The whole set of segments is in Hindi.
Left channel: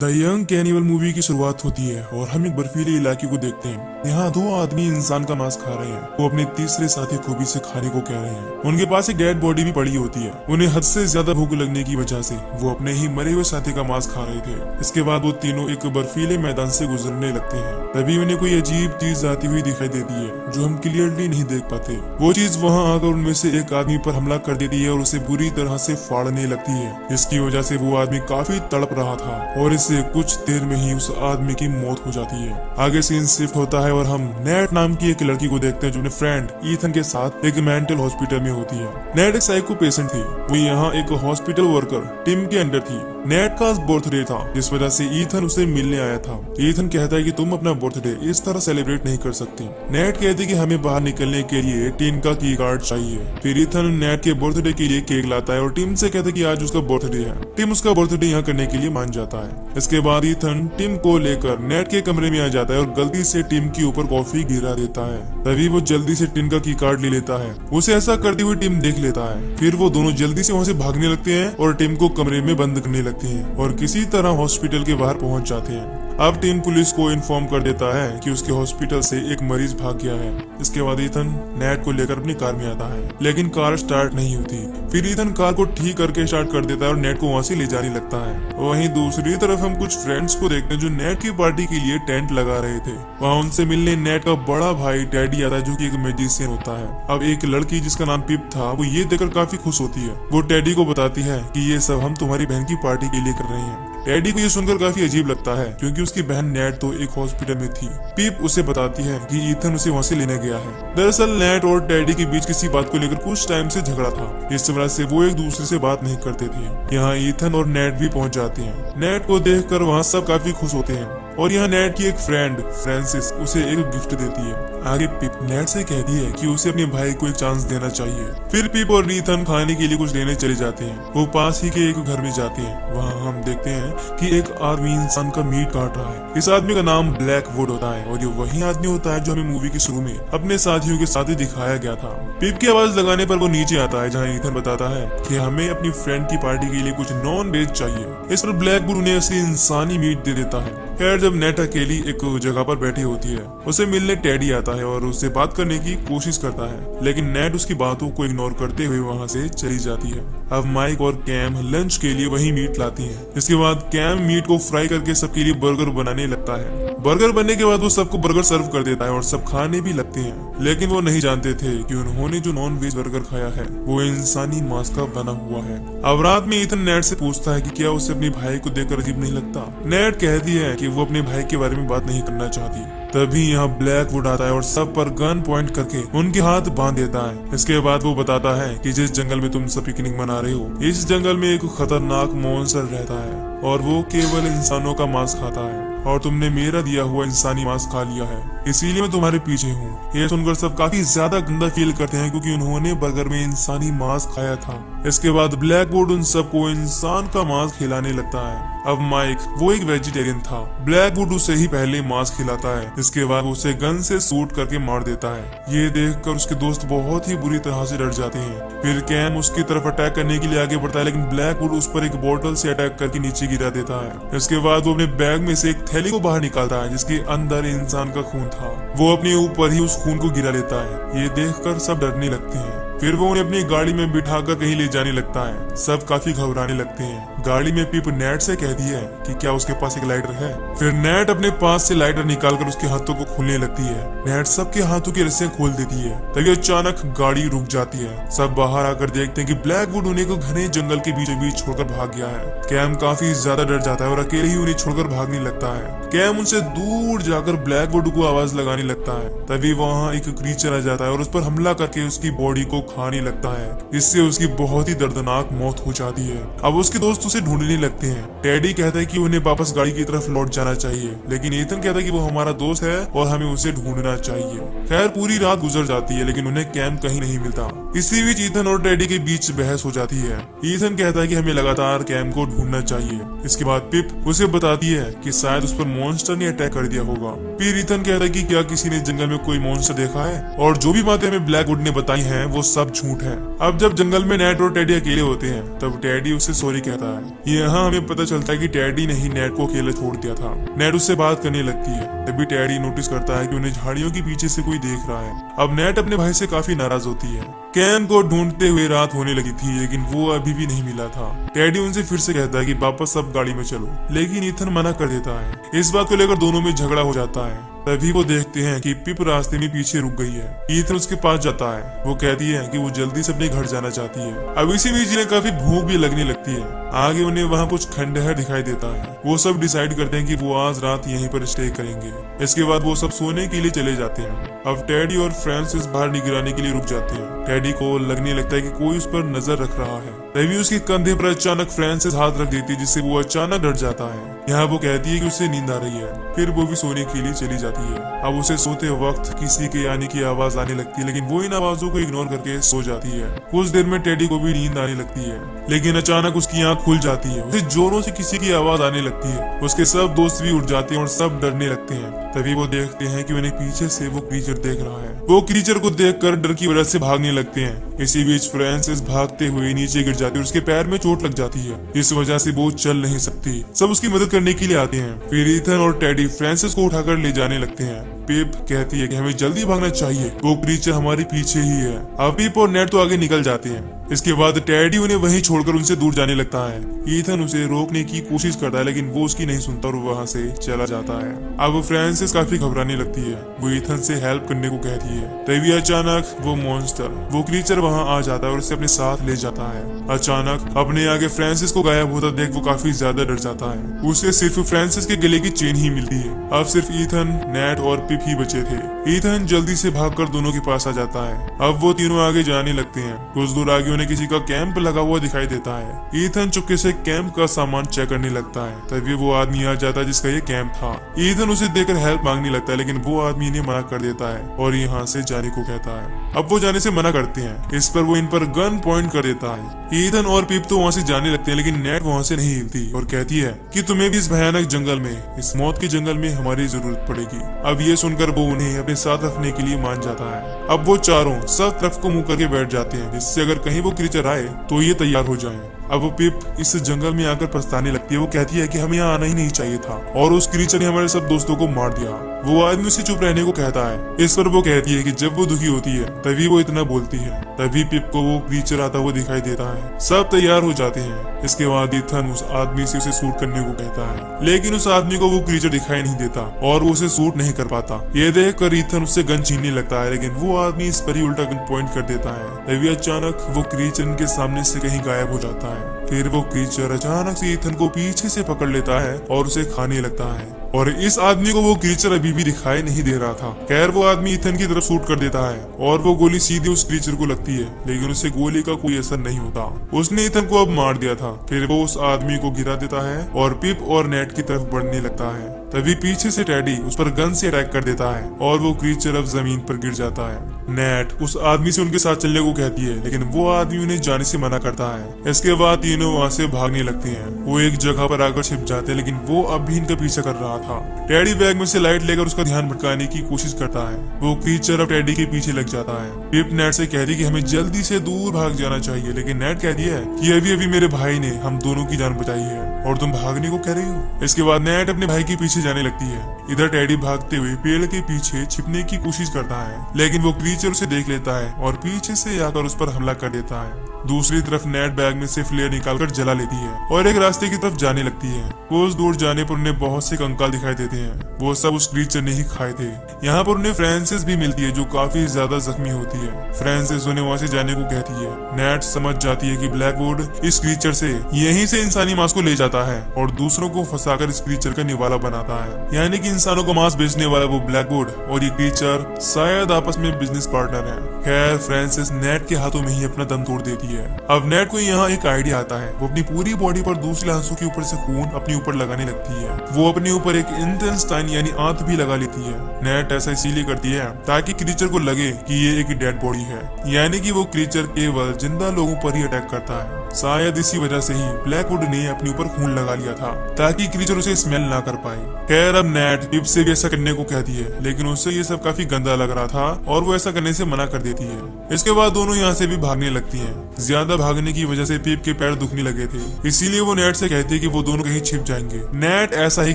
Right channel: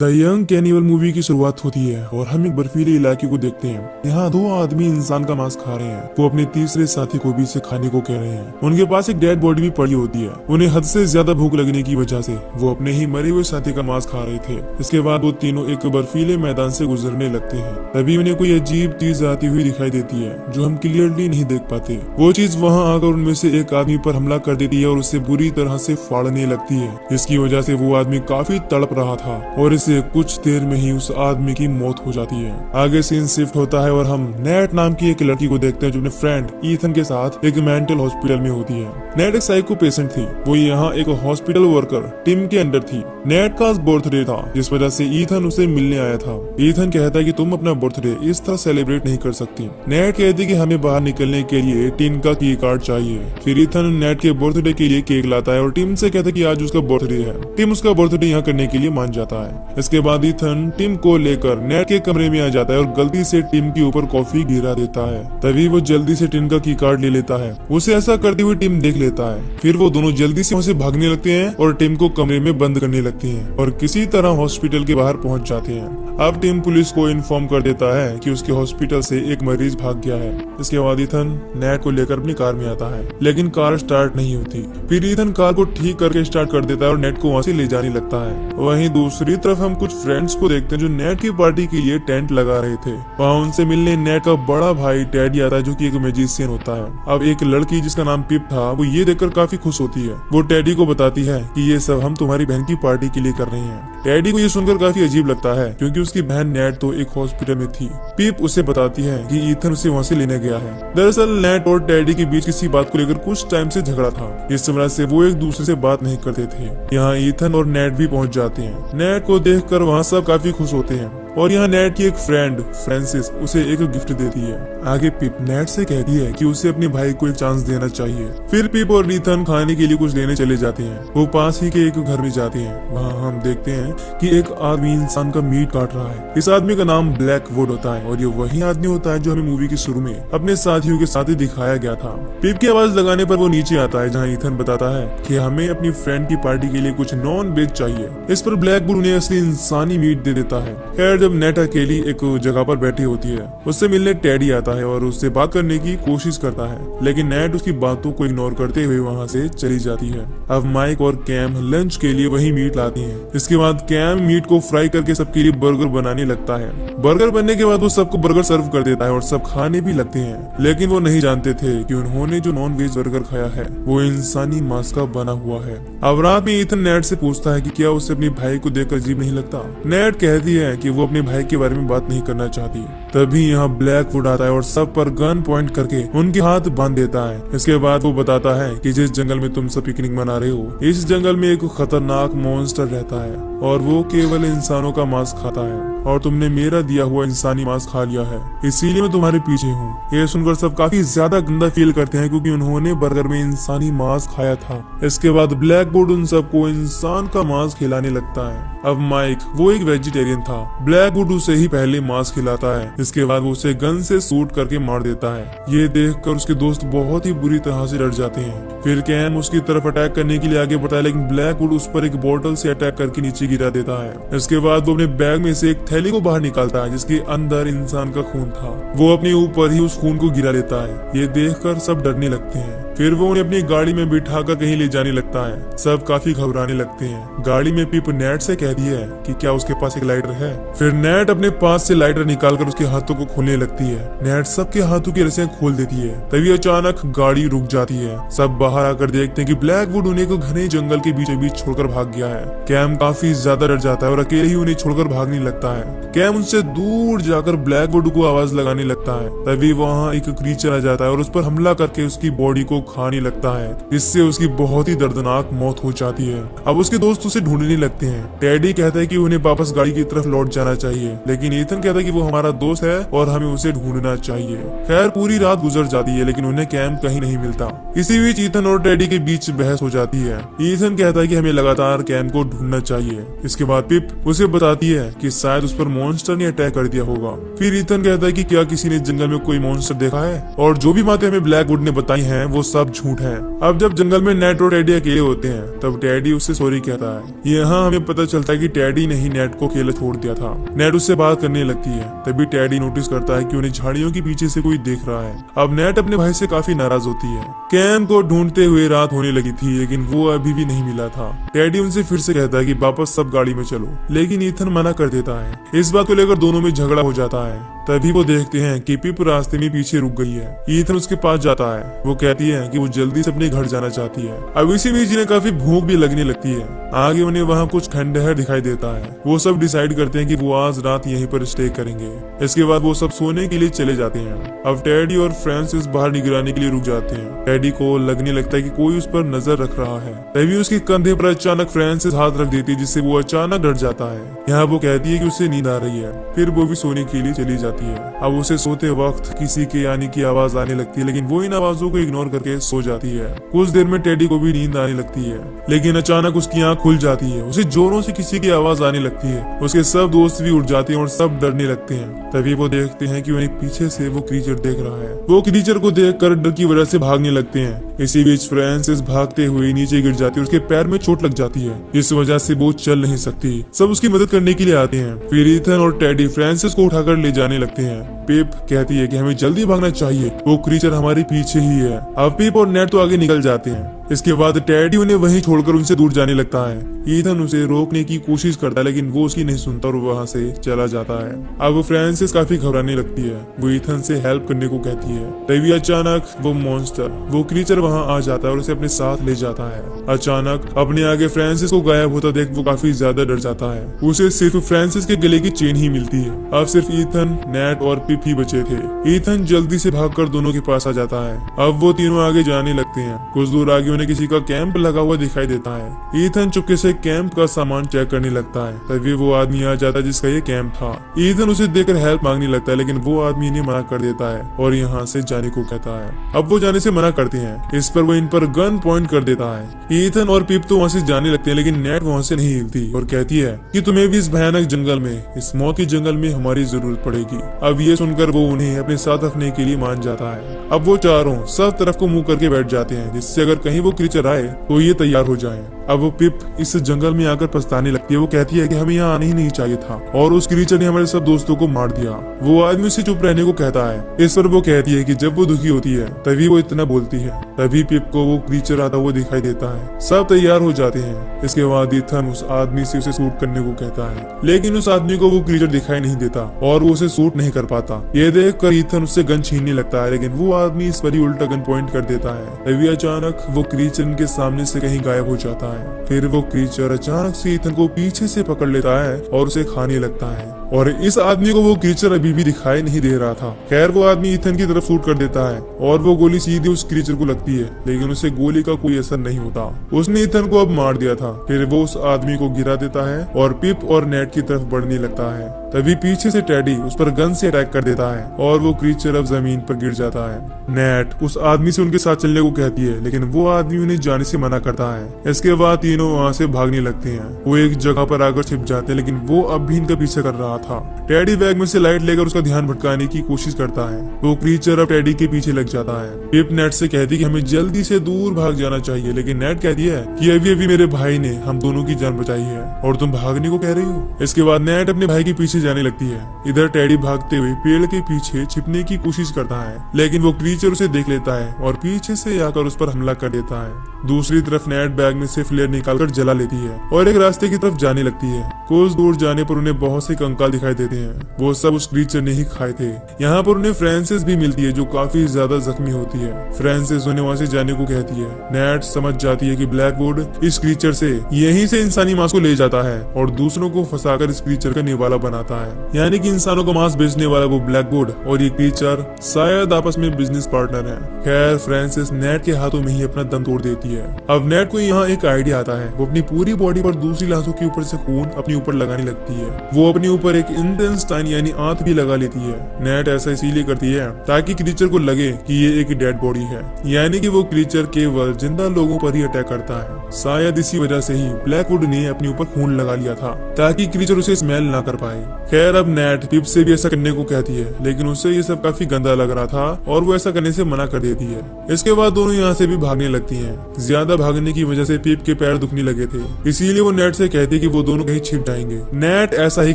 द यंग कैनिबल मूवी की शुरुआत होती है और हम एक बर्फीले इलाके को देखते हैं। यहाँ दो आदमी इंसान का मांस खा रहे हैं। वो अपने तीसरे साथी को भी इसे खाने को कह रहे हैं। उनके पास एक डेड बॉडी भी पड़ी होती है। उन्हें हद से ज्यादा भूख लगने की वजह से वो अपने ही मरे हुए साथी का मांस खा रहे थे। इसके बाद वो तीनों एक बर्फीले मैदान से गुजरने लगते हैं। तभी उन्हें कोई अजीब चीज आती हुई दिखाई देती है जो हम क्लियरली नहीं देख पाते। वो चीज वहाँ आकर उनमें से एक आदमी पर हमला कर देती है और उसे बुरी तरह से फाड़ने लगती है, जिसकी वजह से वो आदमी काफी तड़प रहा था और इसे कुछ देर में ही उस आदमी की मौत हो जाती है। आगे सीन शिफ्ट होता है और हम नेट नाम की एक लड़की को देखते हैं जो अपने फ्रेंड ईथन के साथ एक मेंटल हॉस्पिटल में होती है। नेट एक साइको पेशेंट थी। वो यहाँ एक हॉस्पिटल वर्कर टीम के अंडर थी। नेट का बर्थडे था, जिस वजह से ईथन उसे मिलने आया था। ईथन कहता है कि तुम अपना बर्थडे इस तरह सेलिब्रेट नहीं कर सकती। नेट कहती है कि हमें बाहर निकलने के लिए टीम का की कार्ड चाहिए। फिर ईथन नेट के बर्थडे के लिए केक लाता है और टीम से कहता है कि आज उसका बर्थडे है। टीम उसका बर्थडे यहाँ करने के लिए मान जाता है। इसके बाद ईथन टीम को लेकर नेट के कमरे में आ जाता है और गलती से टीम के ऊपर कॉफी गिरा देता है। तभी वो जल्दी से टीम का की कार्ड ले लेता है। उसे ऐसा करती हुई टीम देख लेता है। फिर वो दोनों जल्दी से वहाँ से भागने लगते हैं और टीम को कमरे में बंद करने लगते हैं और किसी तरह हॉस्पिटल के बाहर पहुंच जाते हैं। अब टीम पुलिस को इन्फॉर्म कर देता है कि उसके हॉस्पिटल से एक मरीज भाग गया है। इसके बाद ईथन नेट को लेकर अपनी कार में आता है, लेकिन कार स्टार्ट नहीं होती। फिर ईथन कार को ठीक करके स्टार्ट कर देता है और नेट को वहाँ से ले जाने लगता है। वहीं दूसरी तरफ हम कुछ फ्रेंड्स को देखते हैं जो नेट की पार्टी के लिए टेंट लगा रहे थे। वहाँ उनसे मिलने नेट का बड़ा भाई डैडी आता है, जो कि एक मैजिशियन होता है। अब एक लड़की जिसका नाम पिप था, वो ये देखकर काफी खुश होती है। वो टेडी को बताती है कि ये सब हम तुम्हारी बहन की पार्टी के लिए कर रहे हैं। टेडी को ये सुनकर काफी अजीब लगता है, क्योंकि उसकी बहन नेट तो एक हॉस्पिटल में थी। पिप उसे बताती है कि ईथन उसे वहाँ से लेने गया है। दरअसल नेट और टेडी के बीच किसी बात को लेकर कुछ टाइम से झगड़ा था, इस वजह से वो एक दूसरे से बात नहीं करते थे। यहाँ ईथन और नेट भी पहुँच जाते हैं। नेट को देखकर वहाँ सब काफी खुश होते हैं और यहाँ नेट की एक फ्रेंड फ्रांसिस उसे एक गिफ्ट देती है। आगे पिप नेट से कहती है कि उसे अपने भाई को एक चांस देना चाहिए। फिर पिप और ईथन खाने के लिए कुछ लेने चले जाते हैं। वो पास ही के एक घर में जाते हैं। वहाँ हम देखते हैं कि एक आदमी इंसान का मीट काट रहा है। इस आदमी का नाम ब्लैकवुड होता है और ये वही आदमी होता है जो हमें मूवी के शुरू में अपने साथियों के साथ ही दिखाया गया था। पिप की आवाज लगाने पर वो नीचे आता है, जहाँ ईथन बताता है कि हमें अपनी फ्रेंड की पार्टी के लिए कुछ नॉन वेज चाहिए। इस पर ब्लैकवुड उन्हें असली इंसानी मीट दे देता है। खैर, जब नेट अकेली एक जगह पर बैठी होती है, उसे मिलने टेडी आता है और उससे बात करने की कोशिश करता है, लेकिन नेट उसकी बातों को इग्नोर करते हुए वहाँ से चली जाती है। अब माइक और कैम लंच के लिए वही मीट लाती हैं। इसके बाद कैम मीट को फ्राई करके सबके लिए बर्गर बनाने लगता है। बर्गर बनने के बाद वो सबको बर्गर सर्व कर देता है और सब खाने भी लगते हैं, लेकिन वो नहीं जानते थे कि उन्होंने जो नॉन वेज बर्गर खाया है वो इंसानी मांस का बना हुआ है। अब रात में ईथन नेट से पूछता है कि क्या उसे अपने भाई को देखकर अजीब नहीं लगता। नेट कहती है कि वो अपने भाई के बारे में बात नहीं करना चाहती। तभी यहाँ ब्लैकवुड आता है और सब पर गन पॉइंट करके उनके हाथ बांध देता है। इसके बाद वो बताता है कि जिस जंगल में तुम सब पिकनिक मना रहे हो, इस जंगल में एक खतरनाक मॉन्स्टर रहता है और वो केवल इंसानों का मांस खाता है और तुमने मेरा दिया हुआ इंसानी मांस खा लिया है, इसीलिए मैं तुम्हारे पीछे हूँ। ये सुनकर सब काफी ज्यादा गंदा फील करते हैं, क्योंकि उन्होंने बर्गर में इंसानी मांस खाया था। इसके बाद ब्लैकवुड उन सबको इंसान का मांस खिलाने लगता है। अब माइक, वो एक वेजिटेरियन था। ब्लैकवुड उसे ही पहले मांस खिलाता है। इसके बाद वो उसे गन से शूट करके मार देता है। ये देखकर उसके दोस्त बहुत ही बुरी तरह से डर जाते हैं। फिर कैम उसकी तरफ अटैक करने के लिए आगे बढ़ता है, लेकिन ब्लैकवुड उस पर एक बोतल से अटैक करके नीचे गिरा देता है। इसके बाद वो अपने बैग में से एक थैली को बाहर निकालता है, जिसके अंदर इंसान का खून था। वो अपने ऊपर ही उस खून को गिरा देता है। ये देखकर सब डरने लगते हैं। फिर वो उन्हें अपनी गाड़ी में बिठाकर कहीं ले जाने लगता है। सब काफी घबराने लगते हैं। गाड़ी में पिप नेट से कहती है कि क्या उसके पास एक लाइटर है। फिर नेट अपने पास से लाइटर निकालकर उसके हाथों को खोलने लगती है। नेट सबके हाथों की रस्सियां खोल देती है। तभी अचानक गाड़ी रुक जाती है। सब बाहर आकर देखते हैं कि ब्लैकवुड उन्हें को घने जंगल के बीचों बीच छोड़कर भाग गया है। कैम काफी ज्यादा डर जाता है और अकेले ही उन्हें छोड़कर भागने लगता है। कैम उनसे दूर जाकर ब्लैकवुड को आवाज लगाने लगता है। तभी वहाँ एक क्रीचर आ जाता है और उस पर हमला करके उसकी बॉडी को खाने लगता है, जिससे उसकी बहुत ही दर्दनाक मौत हो जाती है। अब उसके दोस्त उसे ढूंढने लगते हैं। टेडी कहता है कि उन्हें वापस गाड़ी की तरफ लौट जाना चाहिए, लेकिन ईथन कहता है कि वो हमारा दोस्त है और हमें उसे ढूंढना चाहिए। खैर, पूरी रात गुजर जाती है, लेकिन उन्हें कैम कहीं नहीं मिलता। इसी बीच ईथन और टेडी के बीच बहस हो जाती है। ईथन कहता है कि हमें लगातार कैम को ढूंढना चाहिए। इसके बाद पिप उसे बताती है कि शायद उस पर मॉन्स्टर ने अटैक कर दिया होगा। फिर ईथन कहता है कि क्या किसी ने जंगल में कोई मॉन्स्टर देखा है, और जो भी बातें हमें ब्लैकवुड ने बताई हैं वो सब झूठ है। अब जब जंगल में नेट और टेडी अकेले होते हैं तब टेडी उसे सॉरी कहता है। यहाँ हमें पता चलता है कि टेडी ने ही नेट को अकेले छोड़ दिया था। नेट उससे बात करने लगती है। तभी टेडी नोटिस करता है कि उन्हें झाड़ियों के पीछे से कोई देख रहा है। अब नेट अपने भाई से काफी नाराज होती है। कैम को ढूंढते हुए रात होने लगी थी लेकिन वो अभी भी नहीं मिला था। टेडी उनसे फिर से कहता है कि वापस सब गाड़ी में चलो, लेकिन ईथन मना कर देता है। इस बात को लेकर दोनों में झगड़ा हो जाता है। तभी वो देखते हैं कि पिप रास्ते में पीछे रुक गई है। ईथन उसके पास जाता है। वो कहती है कि वो जल्दी से अपने घर जाना चाहती है। अब इसी बीच इन्हें काफी भूख भी लगने लगती है। आगे उन्हें वहाँ कुछ खंडहर दिखाई देता है। वो सब डिसाइड करते हैं कि वो आज रात यहीं पर स्टे करेंगे। इसके बाद वो सब सोने के लिए चले जाते हैं। अब टेडी और फ्रांसिस बाहर निगरानी के लिए रुक जाते हैं। टेडी को लगने लगता है कि कोई उस पर नजर रख रहा है। तभी उसके कंधे पर अचानक फ्रांसिस हाथ रख देती है, जिससे वो अचानक डर जाता है। यहाँ वो कहती है कि उसे नींद आ रही है। फिर वो भी सोने के लिए चली जाती है। अब उसे सोते वक्त किसी के आने की आवाज आने लगती है, लेकिन वो इन आवाजों को इग्नोर करके सो जाती है। कुछ देर में टेडी को भी नींद आने लगती है, लेकिन अचानक उसकी आंख खुल जाती है। उसे जोरों से किसी की आवाज आने लगती है। उसके सब दोस्त भी उठ जाते हैं और सब डरने लगते हैं। तभी वो देखते हैं कि उन्हें पीछे से वो क्रीचर देख रहा है। वो क्रीचर को देखकर डर की वजह से भागने लगते हैं। इसी बीच फ्रांसिस भागते हुए नीचे गिर जाती है। उसके पैर में चोट लग जाती है। इस वजह से वो चल नहीं सकती। सब उसकी मदद करने के लिए आते हैं। फिर ईथन और टेडी फ्रांसिस को उठाकर ले जाने लगते हैं। पिप कहती है कि हमें जल्दी भागना चाहिए, वो क्रीचर हमारे पीछे ही है। अब पिप और नेट तो आगे निकल जाते हैं। इसके बाद टेडी उन्हें वहीं छोड़कर उनसे दूर जाने लगता है। ईथन उसे रोकने की कोशिश करता है, लेकिन वो उसकी नहीं सुनता और वहाँ से चला जाता है। अब फ्रांसिस काफी घबराने लगती है। वो ईथन से हेल्प करने को कहती है। तभी अचानक वो मॉन्स्टर, वो क्रीचर वहाँ आ जाता है और उसे अपने साथ ले जाता है। अचानक अपने आगे फ्रांसिस को गायब होता देख वो काफी ज्यादा डर जाता है। उसे सिर्फ फ्रांसिस के गले की चेन ही मिलती है। अब सिर्फ ईथन, नेट और पिप ही बचे थे। ईथन जल्दी से भागकर दोनों के पास आ जाता है। अब वो तीनों आगे जाने लगते हैं। कुछ दूर आगे उन्हें किसी का कैंप लगा हुआ दिखाई देता है। ईथन चुपके से कैंप का सामान चेक करने लगता है। तभी वो आदमी आ जाता है जिसका ये कैंप था। ईथन उसे देखकर हेल्प मांगने लगता है, लेकिन वो आदमी इन्हें मना कर देता है और यहाँ से जाने को कहता है। अब वो जाने से मना करते हैं। इस पर वो इन पर गन पॉइंट कर देता है। ईथन और पिप तो वहाँ से जाने लगते हैं, लेकिन नेट वहाँ से नहीं हिलती और कहती है कि तुम्हें भी इस भयानक जंगल में, इस मौत के जंगल में हमारी जरूरत पड़ेगी। अब ये सुनकर वो उन्हें अपने साथ रखने के लिए मान जाता है। अब वो चारों सब तरफ को मुंह करके बैठ जाते हैं, जिससे अगर कहीं वो क्रीचर आए तो ये तैयार हो जाए। अब वो पिप इस जंगल में आकर पछताने लगती है। वो कहती है कि हमें यहाँ आना ही नहीं चाहिए था और उस क्रीचर ने हमारे सब दोस्तों को मार दिया। वो आदमी उसे चुप रहने को कहता है। इस पर वो कहती है कि जब वो दुखी होती है तभी वो इतना बोलती है। तभी पिप को वो क्रीचर आता हुआ दिखाई देता है। सब तैयार हो जाते हैं। इसके बाद ईथन उस आदमी से उसे शूट करने को कहता है, लेकिन उस आदमी को वो क्रीचर दिखाई नहीं देता और वो उसे शूट नहीं कर पाता। ये देखकर ईथन उससे गन छीनने लगता है, लेकिन वो आदमी इस पर ही उल्टा गन पॉइंट कर देता है। तभी अचानक वो क्रीचर के सामने से कहीं गायब हो जाता है। फिर वो क्रीचर अचानक से ईथन को पीछे से पकड़ लेता है और उसे खाने लगता है। और इस आदमी को वो क्रीचर अभी भी दिखाई नहीं दे रहा था। खैर वो आदमी ईथन की तरफ शूट कर देता है और वो गोली सीधी उस क्रीचर को लगती है, लेकिन उसे गोली का कोई असर नहीं होता। उसने ईथन को अब मार दिया था। फिर वो उस आदमी को गिरा देता है और पिप और नेट की तरफ बढ़ने लगता है। तभी पीछे से टेडी उस पर गन से अटैक कर देता है और वो क्रीचर अब जमीन पर गिर जाता है। नेट उस आदमी से उनके साथ चलने को कहती है, लेकिन वो आदमी उन्हें जाने से मना करता है। इसके बाद तीनों वहाँ से भागने लगते हैं। वो एक जगह पर आकर छिप जाते हैं, लेकिन वो अब भी इनका पीछा कर रहा था। टेडी बैग में से लाइट लेकर उसका ध्यान भटकाने की कोशिश करता है। वो क्रीचर अब टेडी के पीछे लग जाता है। पिप नेट से कहती है कि हमें जल्दी से दूर भाग जाना चाहिए, लेकिन नेट कहती है कि अभी अभी मेरे भाई ने हम दोनों की जान बचाई है और तुम भागने को कह रही हो। इसके बाद नेट अपने भाई के पीछे जाने लगती है। इधर टेडी भागते हुए पेड़ के पीछे छिपने की कोशिश करता है, लेकिन वो क्रीचर उसे देख लेता है और पीछे से आकर उस पर हमला कर देता है। दूसरी तरफ नेट बैग में से फ्लेयर निकालकर जला लेती है और एक रास्ते की तरफ जाने लगती है। कुछ दूर जाने पर उन्हें बहुत से कंकाल दिखाई देते हैं। वो सब उस क्रीचर ने ही खाए थे। यहाँ पर उन्हें फ्रांसिस भी मिलती है, जो काफी ज्यादा जख्मी होती है। फ्रांसिस उन्हें वहाँ से जाने को कहती है। नेट समझ जाती है कि ब्लैकवुड इस क्रीचर से यहीं से इंसानी मांस को ले जाता है और दूसरों को फंसाकर इस क्रीचर का निवाला बनाता है। यानी कि इंसानों को मांस बेचने वाला वो ब्लैकवुड और ये क्रीचर शायद आपस में बिजनेस पार्टनर है। खैर फ्रांसिस नेट के हाथों में ही अपना दम तोड़ देती है। अब नेट को यहाँ एक आइडिया आता है। वो अपनी पूरी बॉडी पर दूसरी लाशों के ऊपर से खून अपने ऊपर लगाने लगती है। वो अपने ऊपर एक इंटेस्टाइन यानी आंत भी लगा लेती है। नेट ऐसा इसीलिए करती है ताकि क्रीचर को लगे कि ये एक डेड बॉडी है, यानी कि वो क्रीचर केवल जिंदा लोगों पर ही अटैक करता है। शायद इसी वजह से ही ब्लैकवुड ने अपने ऊपर खून लगा लिया था ताकि क्रीचर उसे स्मेल ना कर पाए। खैर अब नेट पिप से भी ऐसा करने को कहती है, लेकिन उससे ये सब काफी गंदा लग रहा था और वो ऐसा करने से मना कर देती है। इसके बाद दोनों यहाँ से भी भागने लगती है। ज्यादा भागने की वजह से पिप के पैर दुखने लगे थे, इसीलिए वो नेट से कहती है कि वो दोनों कहीं छिप जाएंगे। नेट ऐसा ही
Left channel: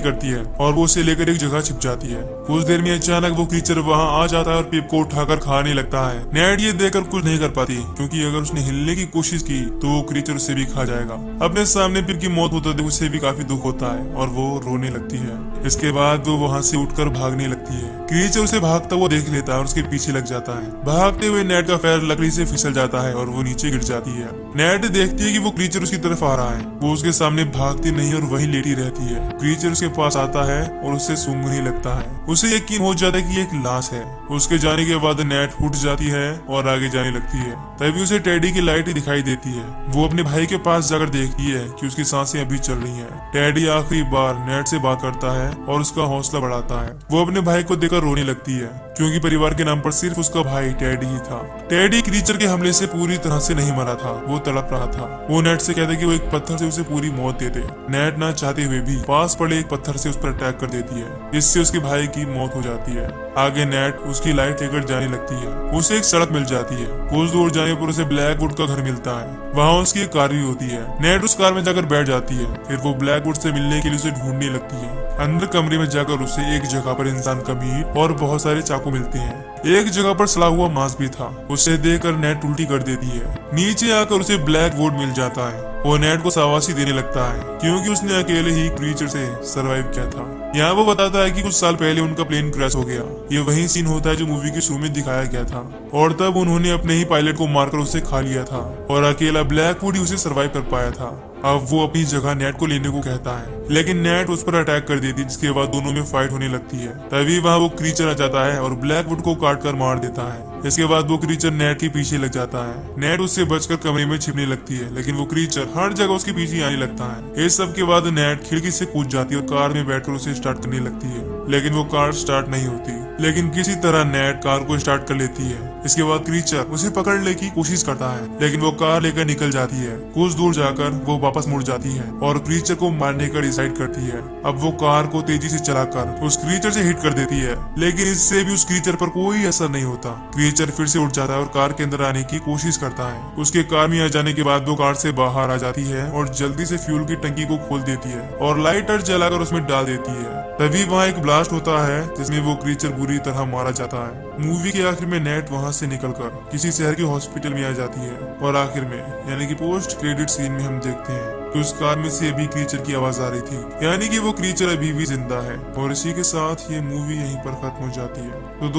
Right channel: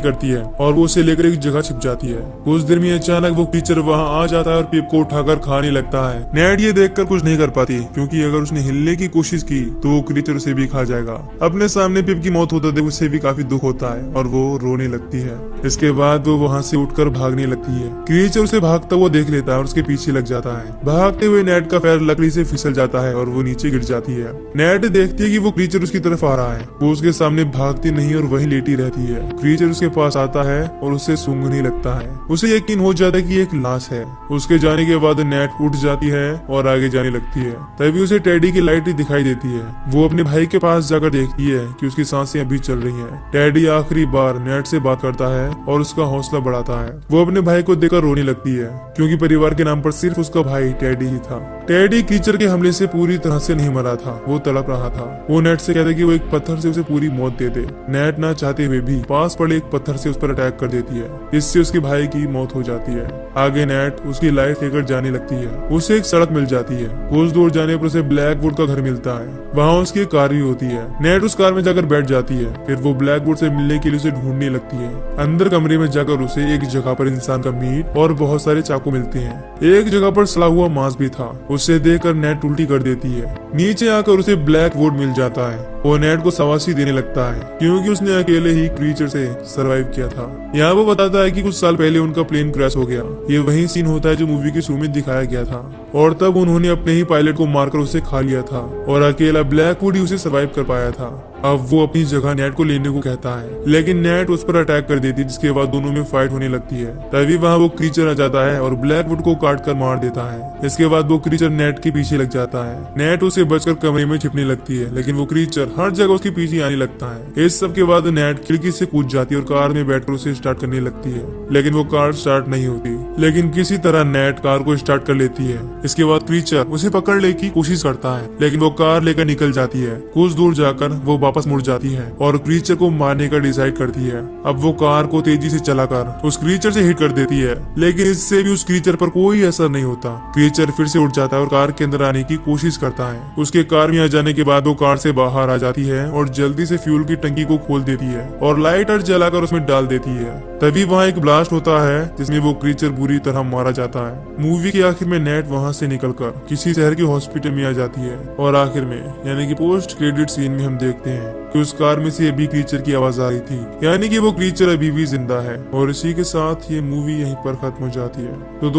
करती है और वो उसे लेकर एक जगह छिप जाती है। कुछ देर में अचानक वो क्रीचर वहाँ आ जाता है और पिप को उठाकर खाने लगता है। नेट ये देखकर कुछ नहीं कर पाती, क्योंकि अगर उसने हिलने की कोशिश की तो वो क्रीचर उसे भी खा जाएगा। अपने सामने पिप की मौत होते देख उसे भी काफी दुख होता है और वो रोने लगती है। इसके बाद वो वहाँ से उठकर भागने लगती है। क्रीचर उसे भागते हुए देख लेता है और उसके पीछे लग जाता है। भागते हुए नेट का पैर लकड़ी से फिसल जाता है और वो नीचे गिर जाती है। नेट देखती है कि वो क्रीचर उसकी तरफ आ रहा है। वो उसके सामने भागती नहीं और वहीं लेटी रहती है। क्रीचर उसके पास आता है और उससे सूंघने लगता है। उसे यकीन हो जाता है कि एक लाश है। उसके जाने के बाद नेट उठ जाती है और आगे जाने लगती है। तभी उसे टेडी की लाइट ही दिखाई देती है। वो अपने भाई के पास जाकर देखती है कि उसकी सांसें अभी चल रही हैं। टेडी आखिरी बार नेट से बात करता है और उसका हौसला बढ़ाता है। वो अपने भाई को देखकर रोने लगती है, क्योंकि परिवार के नाम पर सिर्फ उसका भाई टेडी ही था। टेडी क्रीचर के हमले से पूरी तरह से नहीं मरा था, वो तड़प रहा था। वो नेट से कहता है कि वो एक पत्थर से उसे पूरी मौत दे दे। नेट न चाहते हुए भी पास पड़े एक पत्थर से उस पर अटैक कर देती है। इससे उसके भाई की मौत हो जाती है। आगे नेट उसकी लाइट लेकर जाने लगती है। उसे एक सड़क मिल जाती है। कुछ दूर जाने पर उसे ब्लैकवुड का घर मिलता है। वहाँ उसकी एक कार भी होती है। नेट उस कार में जाकर बैठ जाती है। फिर वो ब्लैकवुड से मिलने के लिए उसे ढूंढने लगती है। अंदर कमरे में जाकर उसे एक जगह पर इंसान का मीट और बहुत सारे चाकू मिलते हैं। एक जगह पर सड़ा हुआ मांस भी था। उसे देखकर नेट उल्टी कर देती है। नीचे आकर उसे ब्लैकवुड मिल जाता है। वो नेट को शाबाशी देने लगता है, क्योंकि उसने अकेले ही क्रीचर से सरवाइव किया था। यहाँ वो बताता है कि कुछ साल पहले उनका प्लेन क्रैश हो गया। ये वही सीन होता है जो मूवी के शुरू में दिखाया गया था, और तब उन्होंने अपने ही पायलट को मारकर उसे खा लिया था और अकेला ब्लैकवुड ही उसे सरवाइव कर पाया था। अब वो अपनी जगह नेट को लेने को कहता है, लेकिन नेट उस पर अटैक कर देती है, जिसके बाद दोनों में फाइट होने लगती है। तभी वहाँ वो क्रीचर आ जाता है और ब्लैकवुड को काट कर मार देता है। इसके बाद वो क्रीचर नेट के पीछे लग जाता है। नेट उसे बचकर कमरे में छिपने लगती है, लेकिन वो क्रीचर हर जगह उसके पीछे आने लगता है। इस सब के बाद नेट खिड़की से कूद जाती है और कार में बैठकर उसे स्टार्ट करने लगती है, लेकिन वो कार स्टार्ट नहीं होती। लेकिन किसी तरह नेट कार को स्टार्ट कर लेती है। इसके बाद क्रीचर उसे पकड़ने की कोशिश करता है, लेकिन वो कार लेकर निकल जाती है। कुछ दूर जाकर वो वापस मुड़ जाती है और क्रीचर को मारने का डिसाइड करती है। अब वो कार को तेजी से चलाकर उस क्रीचर से हिट कर देती है, लेकिन इससे भी उस क्रीचर पर कोई असर नहीं होता। क्रीचर फिर से उठ जाता है और कार के अंदर आने की कोशिश करता है। उसके कार में आ जाने के बाद वो कार से बाहर आ जाती है और जल्दी से फ्यूल की टंकी को खोल देती है और लाइटर जलाकर उसमें डाल देती है। तभी वहाँ एक ब्लास्ट होता है, जिसमें वो क्रीचर बुरी तरह मारा जाता है। मूवी के आखिर में नेट वहाँ से निकलकर किसी शहर के हॉस्पिटल में आ जाती है और आखिर में यानी कि पोस्ट क्रेडिट सीन में हम देखते हैं कि उस कार में से अभी क्रीचर की आवाज आ रही थी, यानी कि वो क्रीचर अभी भी जिंदा है। और इसी के साथ ये मूवी यहीं पर खत्म हो जाती है। तो